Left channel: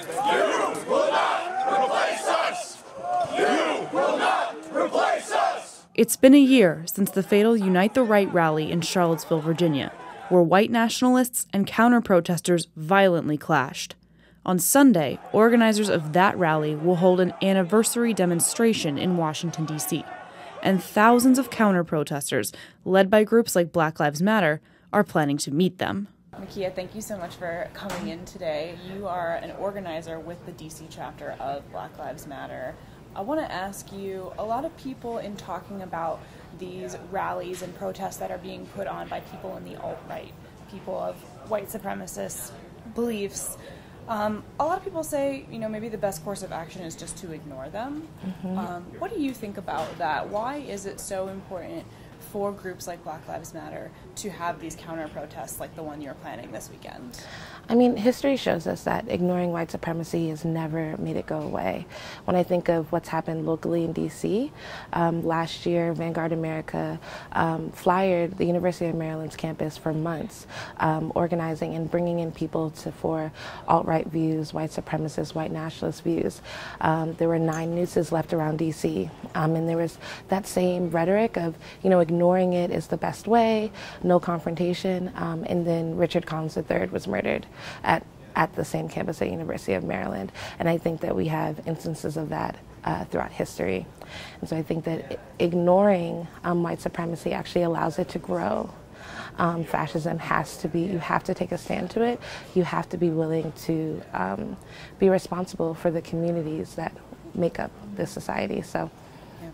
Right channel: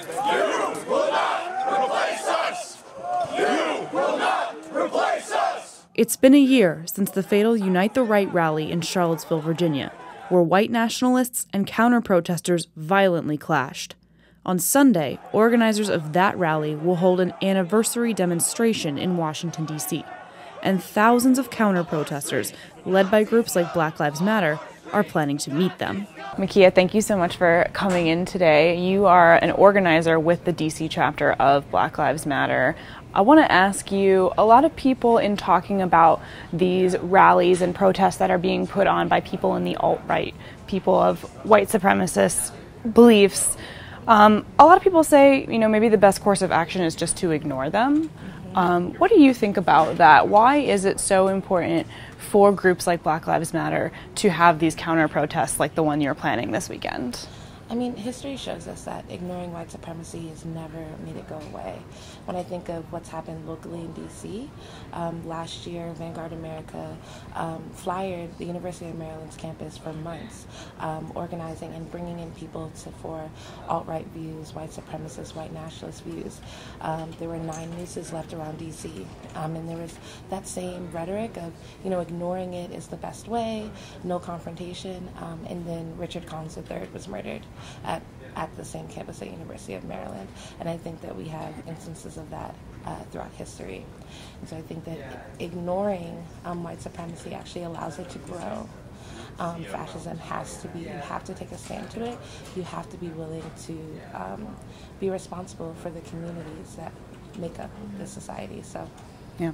You will not replace us! You will not replace us! It's been a year since the fatal Unite the Right rally in Charlottesville, Virginia, where white nationalists and counter-protesters violently clashed. On Sunday, organizers of that rally will hold an anniversary demonstration in Washington, D.C., and thousands of counter-protesters, led by groups like Black Lives Matter, are planning to meet them. Makia, thank you so much for coming in today. You are an organizer with the DC chapter of Black Lives Matter. I want to ask you, a lot of people in talking about these rallies and protests that are being put on by people in the alt-right, people of white supremacist beliefs, a lot of people say, maybe the best course of action is just to ignore them. What do you think about that? Why is it so important for groups like Black Lives Matter to have these counter-protests like the one you're planning this weekend? I mean, history shows us that ignoring white supremacy has never made it go away. When I think of what's happened locally in D.C., last year, Vanguard America flyered the University of Maryland's campus for months, organizing and bringing in people for alt-right views, white supremacist, white nationalist views. There were 9 nooses left around D.C., and there was that same rhetoric of, ignoring it is the best way, no confrontation, and then Richard Collins III was murdered at the same campus at University of Maryland. And I think that we have instances of that throughout history. And so I think that ignoring white supremacy actually allows it to grow. Fascism has to be, you have to take a stand to it. You have to be willing to be responsible for the communities that make up this society. So, yeah.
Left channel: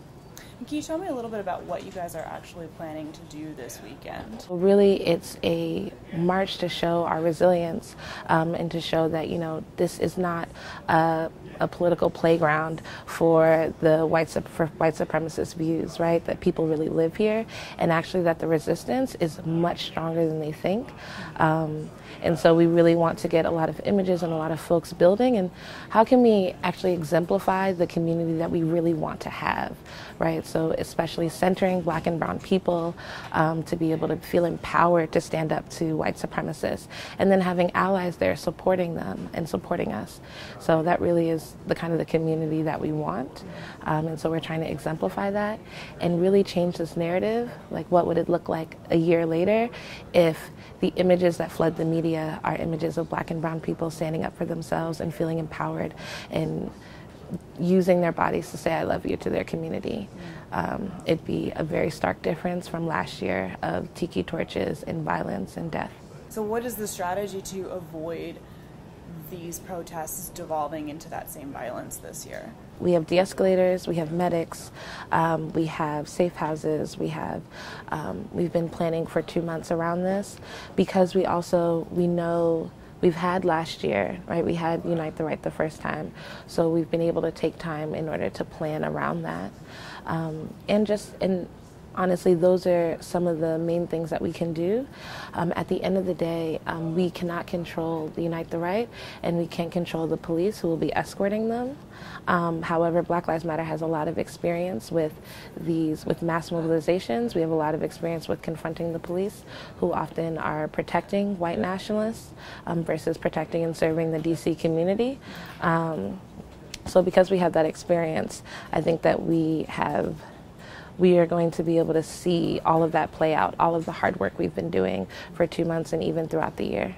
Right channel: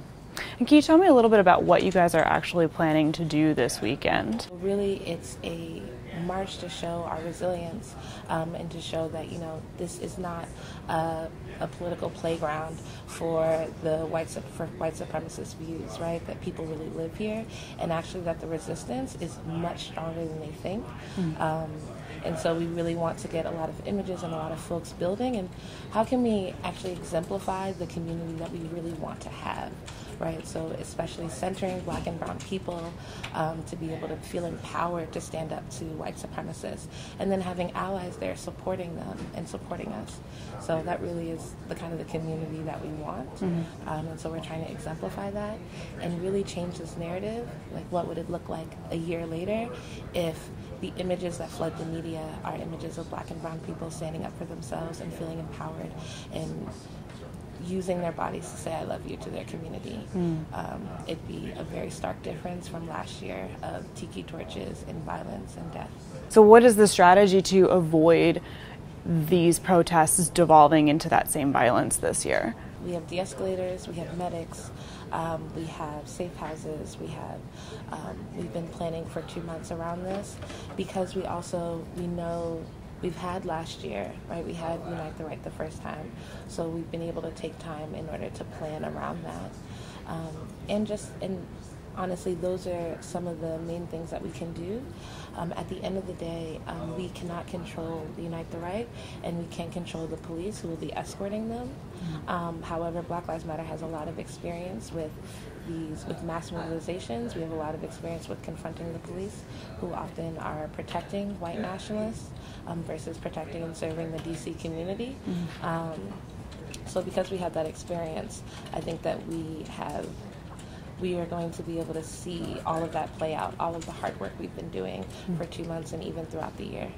And can you tell me a little bit about what you guys are actually planning to do this weekend? Really, it's a march to show our resilience and to show that, this is not a political playground for the white supremacist views, right? That people really live here, and actually that the resistance is much stronger than they think. And so we really want to get a lot of images and a lot of folks building, and how can we actually exemplify the community that we really want to have, right? So especially centering Black and brown people to be able to feel empowered to stand up to white supremacists, and then having allies there supporting them and supporting us. So that really is the kind of the community that we want. And so we're trying to exemplify that and really change this narrative. Like, what would it look like a year later if the images that flood the media are images of Black and brown people standing up for themselves and feeling empowered and using their bodies to say I love you to their community. It'd be a very stark difference from last year of tiki torches and violence and death. So what is the strategy to avoid these protests devolving into that same violence this year? We have de-escalators, we have medics, we have safe houses, we've been planning for 2 months around this, because we know we've had last year, right? We had Unite the Right the first time, so we've been able to take time in order to plan around that. And honestly, those are some of the main things that we can do. At the end of the day, we cannot control the Unite the Right, and we can't control the police who will be escorting them. However, Black Lives Matter has a lot of experience with mass mobilizations. We have a lot of experience with confronting the police, who often are protecting white nationalists versus protecting and serving the DC community. So because we have that experience, I think that we are going to be able to see all of that play out, all of the hard work we've been doing for 2 months and even throughout the year.